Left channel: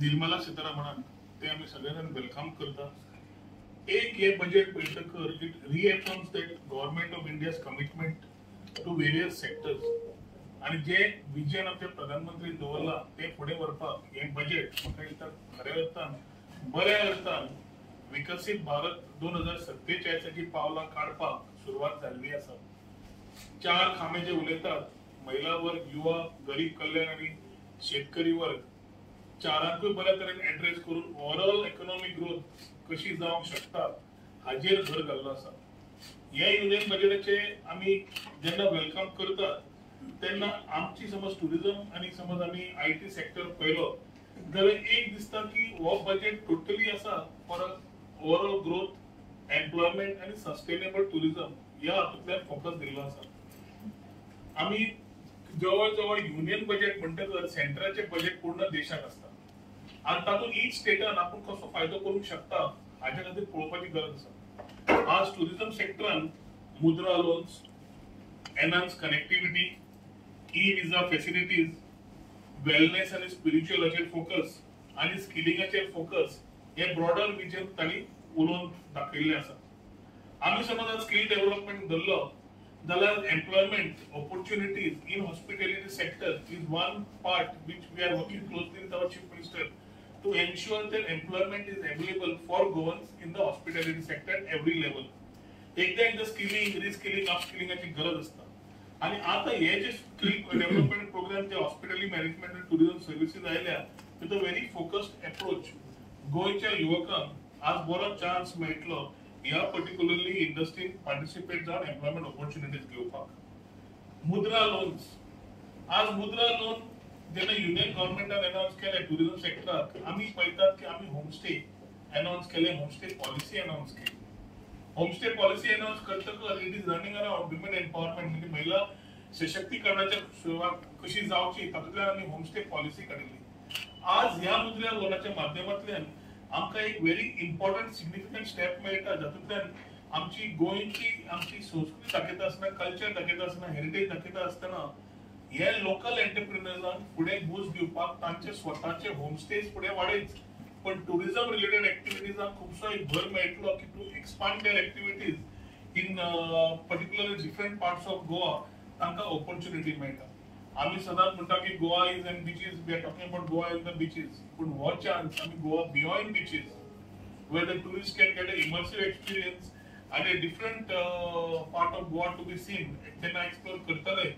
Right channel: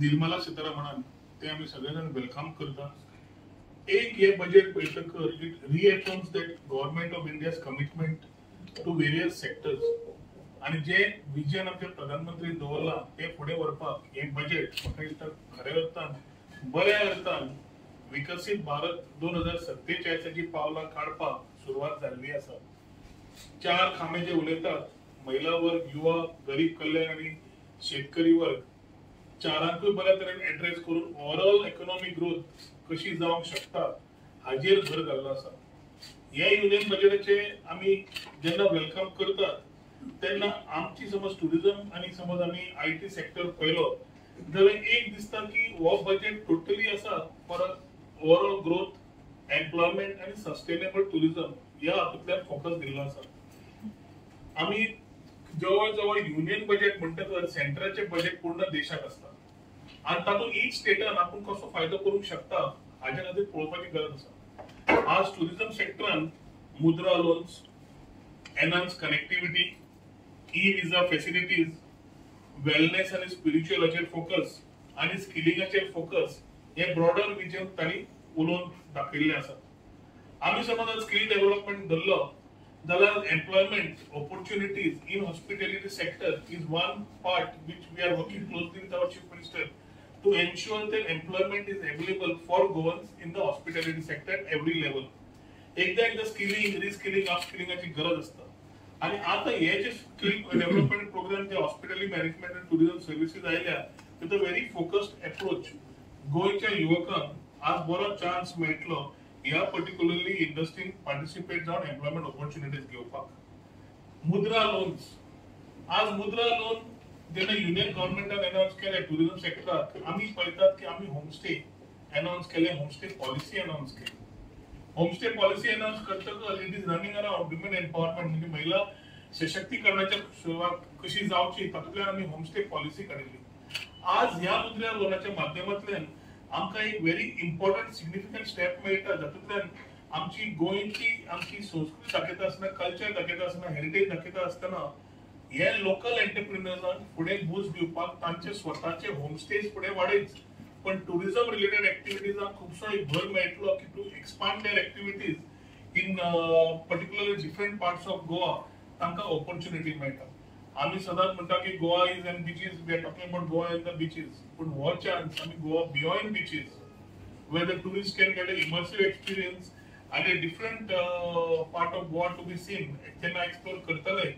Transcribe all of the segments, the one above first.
निर्मला सीतारामन ते आम्ही सगळेजण वेलकम करतात। एक हे बजेट बैठकर it reaffirms that government of India's commitment to various sectors आणि जे विजन आमचे प्रधानमंत्री दवरला ते फुडें व्हरपाक हे बजेट म्हाका दिसता खऱ्या अर्थान बऱ्या अर्थान विकसित भारत 2047ची पावलां काडपाक सुरवात जाल्ली आसा। चार खांबे जे उलयतात महिला वर्ग, युवा, गरीब कल्याण आणि शेतकरी वर्ग चारांकूय बऱ्या तरेन एड्रेस करून ओव्हरऑल इकॉनॉमिक ग्रोथ कशी जावंक शकता हाजेर भर घाल्लो आसा। हे युनियन बजेटाचे आमी जेन्ना वेलकम करतात तेन्ना आमची समज टुरिझम आणि समज आमी आयटी सेक्टर पळयलो जाल्यार एक दिसता की हो बजेट टोटली आसा फॉर ओव्हरऑल ग्रोथ, एम्प्लॉयमेंट आणि सस्टेनेबल टुरिझम ह्या हातूंतल्यान फोकस दिल्लो आसा। आमी जवळ जवळ युनियन बजेट म्हणटकर सेंट्रलचे बजेट पूर्ण देशाक असता आणि तातूंत ईच स्टेटान आपूण कसो फायदो करूंक शकता हाच्या खातीर पळोवपाची गरज आसा। आज टुरिझम सेक्टरान मुद्रा लोन्स, एनहान्स कनेक्टिविटी, ई विजा फॅसिलिटीज, वेलनेस आणि स्पिरिच्युअलाचेर फोकस आणि स्किलिंगाचेर फोकस हे ब्रॉडर विजन तांणी उलोवन दाखयल्लें आसा। आमी समज स्किल डेव्हलपमेंट धरलो जाल्यार employment opportunities in hospitality sector is one part which we are working closely with our chief minister to ensure that employment is available for Goans in the hospitality sector at every level. एकदा एकदा skilling, reskilling, अपस्किलिंगाची गरज असता आणि आता हे जे skill development program जे hospitality management आणि टुरिझम सर्व्हिसेस आयल्या with a very focused approach गोयच्या युवकांक आज बरो चान्स मेळटलो ह्या पर्टिक्युलरली इंडस्ट्रीन पार्टिसिपेट जावन एम्प्लॉयमेंट ऑपॉर्च्युनिटीज घेवपाक। मुद्रा लोन्स, आज मुद्रा लोन जेन्ना युनियन गव्हर्नमेंटान अनाउन्स केले टुरिझम सेक्टरात आमी पळयतात की आमी होमस्टे अनाउन्स केले, होमस्टे पॉलिसी अनाउन्स केली। होमस्टे पॉलिसी अनाउन्स करतकच it is running around women empowerment म्हणजे महिला सशक्तीकरणाच्या सुरवात कशी जावची तातूंतल्यान आमी होमस्टे पॉलिसी काडिल्ली। आज ह्या मुद्रा लोनाच्या माध्यमांतल्यान आमकां एक व्हेरी इम्पॉर्टंट सिग्निफिकंट स्टेप मेळटा जातूंतल्यान आमची गोंयची आमची संस्कृती दाखयता आसतना, कल्चर दाखयता आसतना, हेरिटेज दाखयता आसतना हे लोकल एंटरप्रिन्युअर्सांक फुडें बूस्ट दिवपाक तांचे स्वताचे होमस्टेज फुडें वाडयच पण टुरिझम रिलेटेड एक्टिविटीजांक खुबसो एक भर मेळटलो की to expand their activities in particular different parts of Goa तांकां ऑपॉर्च्युनिटी मेळटा। आमी सदांच म्हणटा की Goa is an beaches, we are talking about Goa in the beaches, पण हो चान्स आमी Goa beyond beaches where the tourists can get an immersive experience and a different part of Goa to be seen. Can I explore Kartale?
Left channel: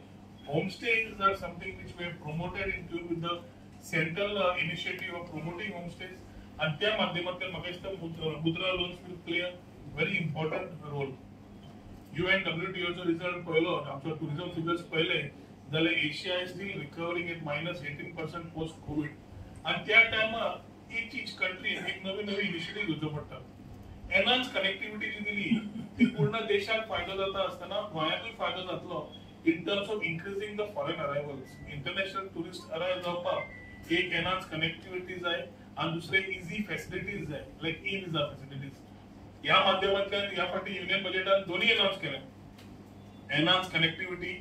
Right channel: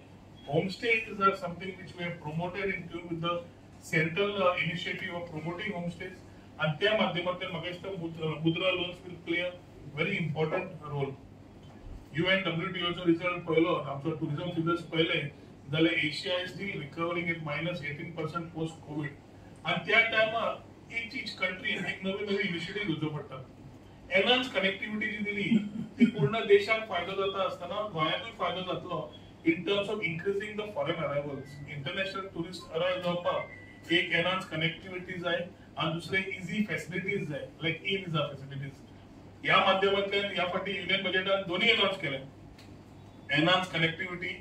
Homestays are something which we have promoted in tune with the central initiative of promoting homestays. And त्या माध्यमातून म्हाका दिसता Mudra loans will play a very important role. UNWTO चो result पळयलो, आमचो tourism figures पळयले जाल्यार Asia is still recovering at -18% post COVID आणि त्या टायमार each country एक नवी इनिशिएटिव्ह घेवचो पडटा। एनहान्स कनेक्टिविटी जी दिली ती पूर्ण देशाक फायदो जाता आसतना गोंयाकूय फायदो जातलो in terms of increasing the foreign arrivals. International tourist arrive जावपाक एक एनहान्स कनेक्टिविटी जाय आणि दुसरे इजी फॅसिलिटीज जाय लायक ई विजा फॅसिलिटीज। ह्या माध्यमांतल्यान ह्या फाटी युनियन बजेटान दोन्ही अनाउन्स केले। एनहान्स कनेक्टिविटी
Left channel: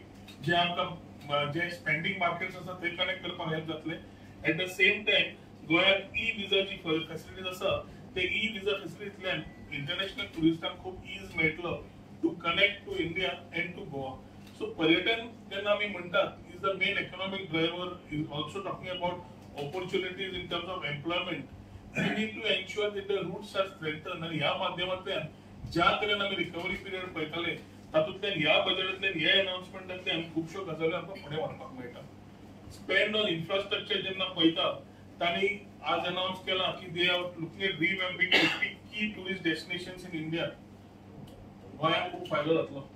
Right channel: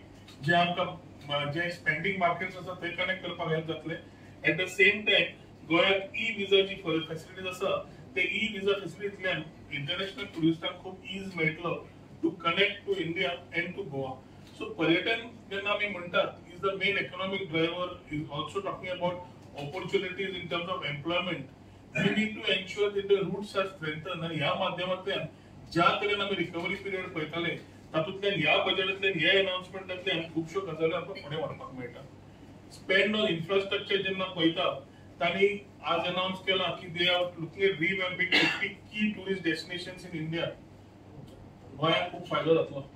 जे आमकां जे स्पेंडिंग मार्केट्स आसा थंय कनेक्ट करपाक हेल्प जातले। एट द सेम टाइम गोयात ई विजाची फॅसिलिटीज आसा ते ई विजा फॅसिलिटींतल्यान इंटरनॅशनल टुरिस्टांक खूप इज मेळटलो to connect to India and to Goa. So पर्यटन जेन्ना आमी म्हणटात is the main economic driver, is also talking about opportunities in terms of employment. We need to ensure that the routes are strengthen आणि ह्या माध्यमांतल्यान ज्या तरेन आमी रिकवरी पिरियड पळयताले तातूंतल्यान ह्या बजेटांतल्यान ह्या अनाउन्समेंटांतल्यान खुबश्यो गजाली आमकां फुडें व्हरपाक मेळटा। स्पेंड ऑन इन्फ्रास्ट्रक्चर जेन्ना पळयता तांणी आज अनाउन्स केला की दे आर लुकिंग एट रिवॅम्पिंग 50 की टुरिस्ट डेस्टिनेशन्स इन इंडिया। गोंयाक खूप फायदो जातलो।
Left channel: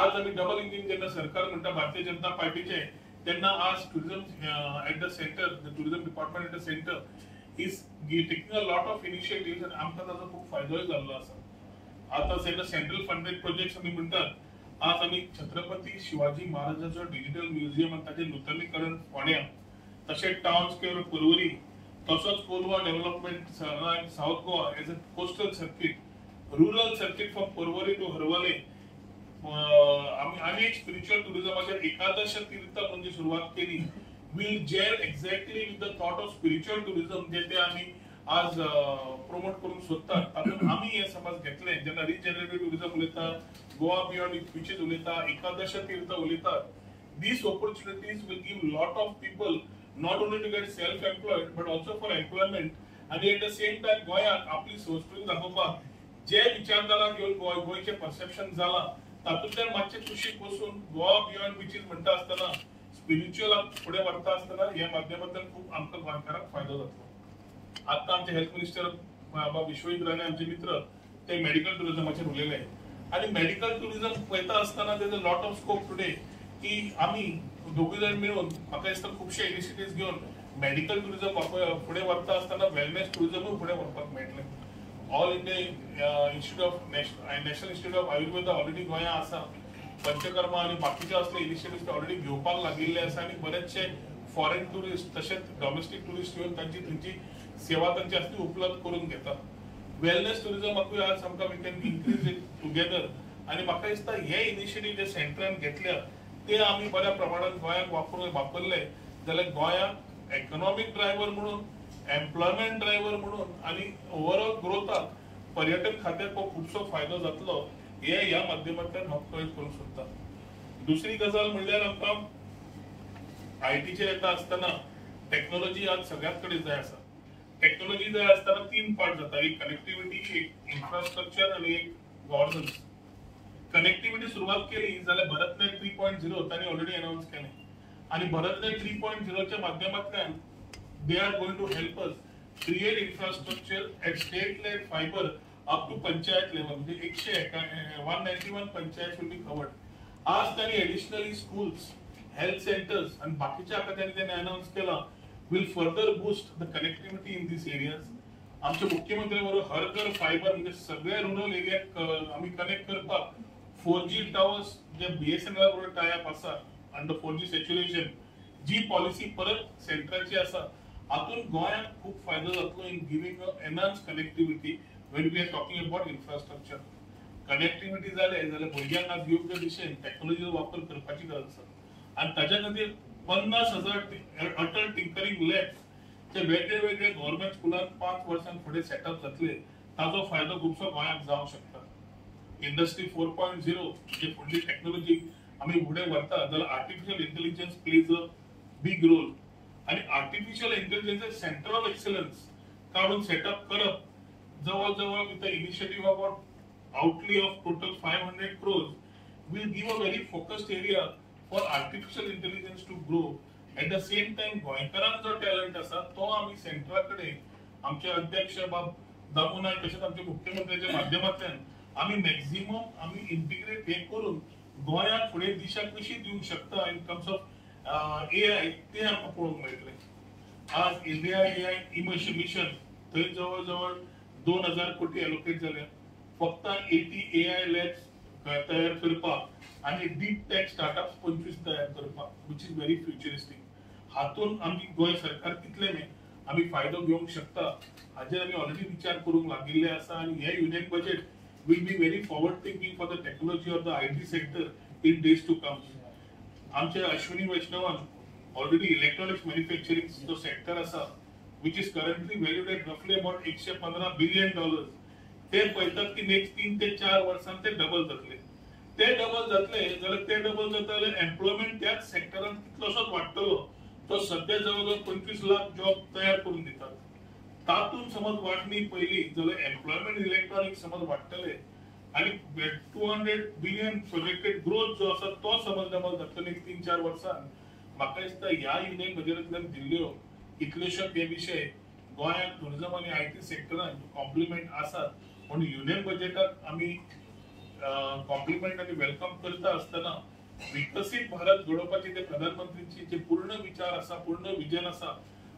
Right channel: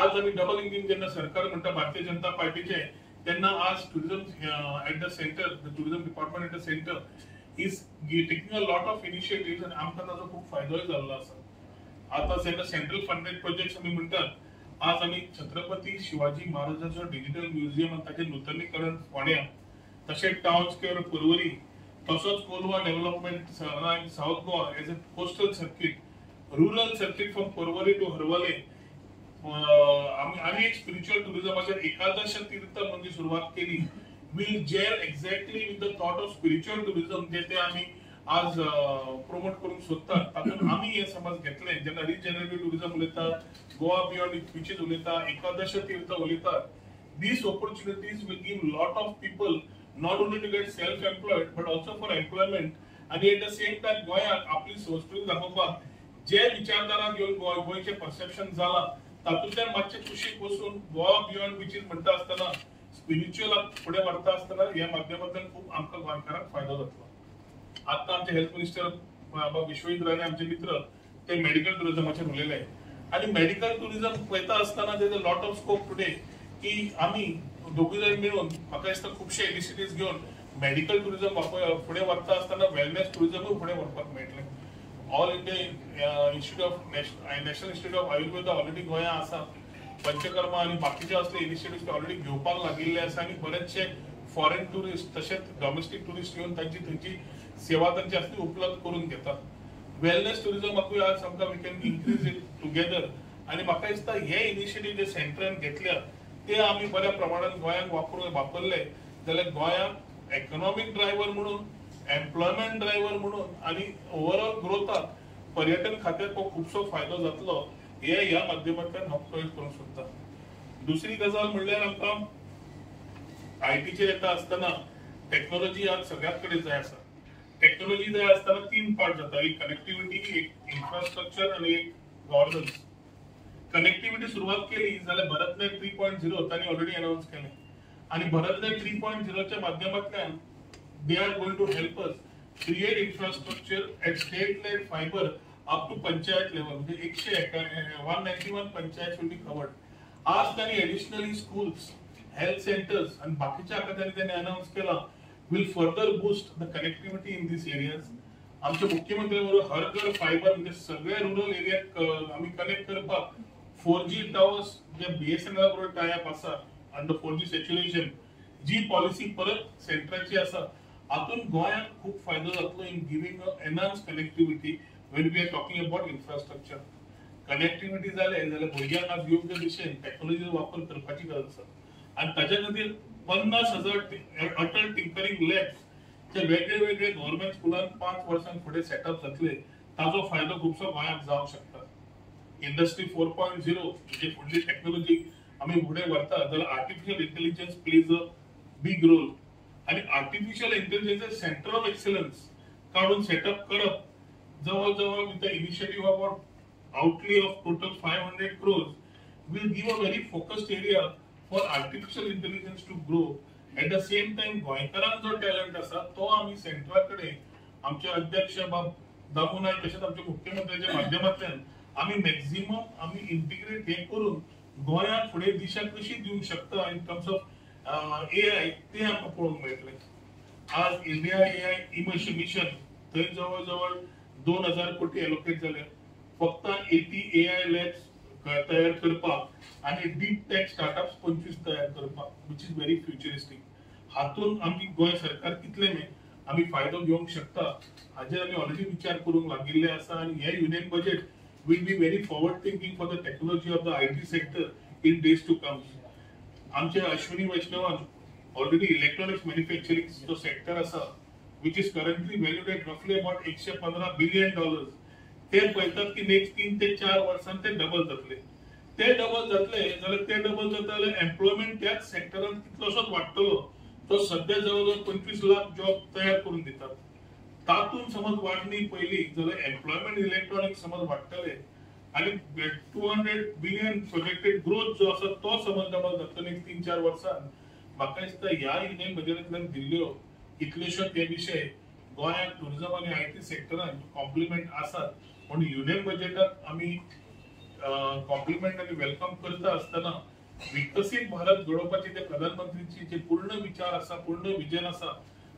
आज आमी डबल इंजिन जेन्ना सरकार म्हणटा भारतीय जनता पार्टीचे तेन्ना आज tourism at the centre, the tourism department at the centre is taking a lot of initiatives आणि आमकां ताचो खूप फायदोय जाल्लो आसा। आता जेन्ना सेंट्रल फंडेड प्रोजेक्ट्स आमी म्हणटात आज आमी छत्रपती शिवाजी महाराजांचो डिजिटल म्युझियम आणि ताचें नूतनीकरण फोंड्या, तशेंच टाउन स्क्वेअर पर्वरी, तसोच Colva development south Goa as a coastal circuit, rural circuit from Porvorim to Harvalem. आम्ही एक स्पिरिच्युअल टुरिझमाच्या एकादश तीर्थ म्हणजे सुरुवात केली will gel exactly with the thought of spiritual tourism जे ते आम्ही आज प्रमोट करून सोदतात. तातूंत आम्ही हे समज घेतले जेन्ना रिजनरेटिव्ह टुरिझम उलयता, गोवा बियॉन्ड बीचेस उलयता, एकादश तीर्थ उलयतात. These opportunities will give lot of people not only to get self-employed but also for employment. आणि at the same time गोंयाक आपली संस्कृती दाखोवपाक जे विचारधारा घेवन गोंयचे परसेप्शन जाला तातूंतल्यान मातशें कुशीक वचून गोवा बियॉन्ड बीचेस म्हणटा आसतना स्पिरिच्युअल फुडें व्हरता आसतना ह्या माध्यमांतल्यान खूब आमकां गोंयकारांक फायदो जातलो. आता आमचे हेल्थ मिनिस्टर बाबा विश्वजित राणे आमचे मित्र ते मेडिकल टुरिझमाचेर उलयले आणि मेडिकल टुरिझम पळयता आसतना there is a lot of scope today की आम्ही दोघी जण मिळून म्हाका दिसता खुबशे इनिशिएटिव्ह घेवन मेडिकल टुरिझम फुडें व्हरता आसतना वेलनेस टुरिझमूय फुडें व्हरपाक मेळटलें. All India institute of national institute of Ayurveda already गोंया आसा. पंचकर्मा आणि बाकीचे असले इनिशिएटिव्ह ऑलरेडी घेवपाक लागिल्ले आसा आणि बरेचशे फॉरेन टुरिस्ट तशेंच डॉमेस्टिक टुरिस्ट येवन थंयची सेवा तांची आसली उपलब्ध करून घेतात. वेलनेस टुरिझमाकूय आज आमकां we can increase it together आणि म्हाका दिसता हे इनिशिएटिव्ह जे सेंटरान घेतल्या ते आम्ही बऱ्या प्रमाणात गोंयाक वापरले जाल्यार गोंयाक इकॉनॉमिक ड्रायव्हर म्हणून, एम्प्लॉयमेंट ड्रायव्हर म्हणून आणि ओव्हरऑल ग्रोथाक पर्यटन खात्याक खूबसो फायदो जातलो हे ह्या माध्यमांतल्यान हांव कळीत करूंक सोदतां. दुसरी गजाल म्हणल्यार आमकां आयटीचेर येता आसतना टेक्नॉलॉजी आज सगळ्यात कडेन जाय आसा. टेक्नॉलॉजी जाय आसतना 3 पार्ट जाता, एक कनेक्टिव्हिटी, एक इन्फ्रास्ट्रक्चर आणि एक गव्हर्नन्स. कनेक्टिव्हिटी सुरुवात केली जाल्यार भारतनेट 3.0 तांणी ऑलरेडी अनाउन्स केलें आणि भारतनेट 3.0 च्या माध्यमांतल्यान they are going to help us create infrastructure at state led fibre up to panchayat level. म्हणजे 191 पंचायत विल बी कवर्ड. आज त्यांनी एडिशनली स्कूल्स, हेल्थ सेंटर्स आणि बाकीच्या त्यांनी अनाउन्स केला will further boost the connectivity in these areas. आमचे मुख्यमंत्री बरोबर हर घर फायबर म्हणजे सगळे रुरल एरियाक आम्ही कनेक्ट करपाक 4G टावर्स जे BSNL बरोबर टाय अप आसा अंडर 4G सॅच्युरेशन जी पॉलिसी परत सेंट्रलची आसा हातून गोंयाक खूप फायदो जातलो in giving a enhance connectivity when we are talking about infrastructure. Connectivity जाल्यार भुरग्यांक आज योग्य दिशेन टेक्नॉलॉजीचो वापर करपाची गरज आसा आणि ताच्या खातीर 50,000 अटल टिंकरिंग लॅब्स जे वेगळे वेगळे गव्हर्नमेंट स्कुलांत 5 वर्सां फुडें सेटअप जातले ताजो फायदो खुबसो गोंयाक जावंक शकता. इंडस्ट्री 4.0 जे फुडली टेक्नॉलॉजी आमी फुडें व्हरता जाल्यार artificial intelligence plays a big role आणि artificial intelligence centre of excellence काढून सेटअप करप जवळ जवळ with the initiative about outlay of total 500 crores will give a very focused area for artificial intelligence to grow. At the same time, गोंयकारांक जो talent आसा तो आमी सेंट्राकडे आमचे अध्यक्ष बाब दामू नायक तशेंच आमचे मुख्यमंत्र्याच्या माध्यमांतल्यान आमी मॅक्झिमम आमी इंटिग्रेट हे करून गोंयाक फुडें दिशा कशी दिवंक शकता इन टर्म्स ऑफ AI ते आमकां पळोवंक मेळटलें. आज इंडिया AI इमर्शन मिशन थंय जवळ जवळ 2000 कोटी एलोकेट जाल्या फक्त 80 AI लॅब्स तयार करपाक आणि डीप टेक स्टार्टअप्स 25 तयार करपाक विच इज व्हेरी फ्युचरिस्टीक. हातून आमी गोंय सरकार कितले आमी फायदो घेवंक शकता हाजेर आमी ऑलरेडी विचार करूंक लागिल्ले आसा आणि हे union budget will be very forward thinking for the technology of the IT sector in days to come. आमचे अश्विनी वैष्णवान ऑलरेडी इलेक्ट्रॉनिक्स मॅन्युफॅक्चरिंग जो सेक्टर आसा which is currently valued at रफली अबाउट $115 बिलियन ते पळयतात की नेक्स्ट 3 ते 4 वर्सांत ते डबल जातले. ते डबल जातले जाल्यार ते डबल जाता जाल्यार एम्प्लॉयमेंट त्याच सेक्टरान कितलोसोच वाडटलो. तो सध्या जवळजवळ 25 लाख जॉब तयार करून दितात. तातून समज वाडणी पयली जाल्यार एम्प्लॉयमेंट इलेक्ट्रॉनिक्स समज वाडटले आणि 200 बिलियन प्रोजेक्टेड ग्रोथ जो आसा तो समज डबल जातलो नेक्स्ट 3-4 वर्सांत. म्हाका दिसता ह्या युनियन बजेटांतल्यान दिल्ल्यो कितलेशेच हे विशय गोंयाक टुरिझम आणि IT सेक्टरान कॉम्प्लिमेंट आसात म्हणून युनियन बजेटाक आमी कॉम्प्लिमेंट आणि वेलकम करता आसतना विकसित भारत घडोवपाचे जे प्रधानमंत्रीचे जे पूर्ण विचार आसा पूर्ण विजन आसा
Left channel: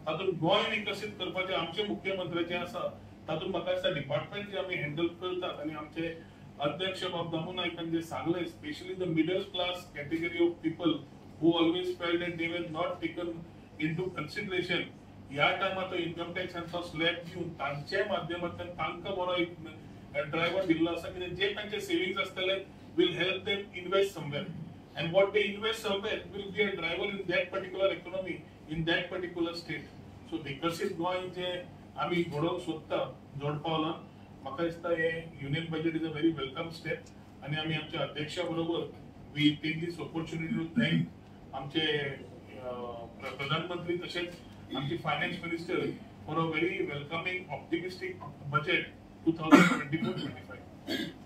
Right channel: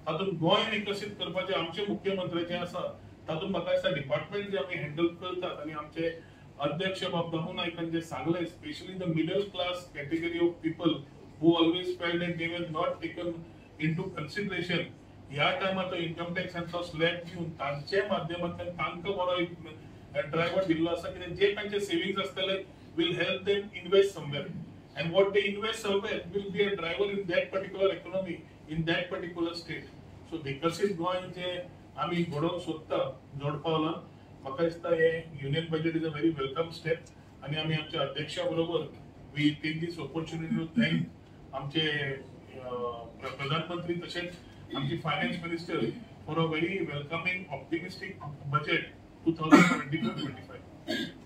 तातूंत गोंय विकसीत करपाचे आमचे मुख्यमंत्र्याचे आसा तातूंत म्हाका दिसता डिपार्टमेंट जे आमी हँडल करतात आणि आमचे अध्यक्ष बाब दामू नायकान जे सांगले specially the middle class category of people who always felt that they were not taken into consideration ह्या टायमार तो इन्कम टॅक्सांचो स्लॅब घेवन तांच्या माध्यमांतल्यान तांकां बरो एक ड्रायव्हर दिल्लो आसा की जे तांचे सेव्हिंग्स आसतले will help them invest somewhere and what they invest somewhere will be a driver in that particular economy in that particular state. So विकसित गोंय जे आम्ही घडोवंक सोदता जोड पावलां म्हाका दिसता हे union budget is a very welcome step आणि आम्ही आमच्या अध्यक्षा बरोबर we take this opportunity to thank आमचे प्रधानमंत्री तसेच आमचे finance minister for a very welcoming optimistic budget 2024-25.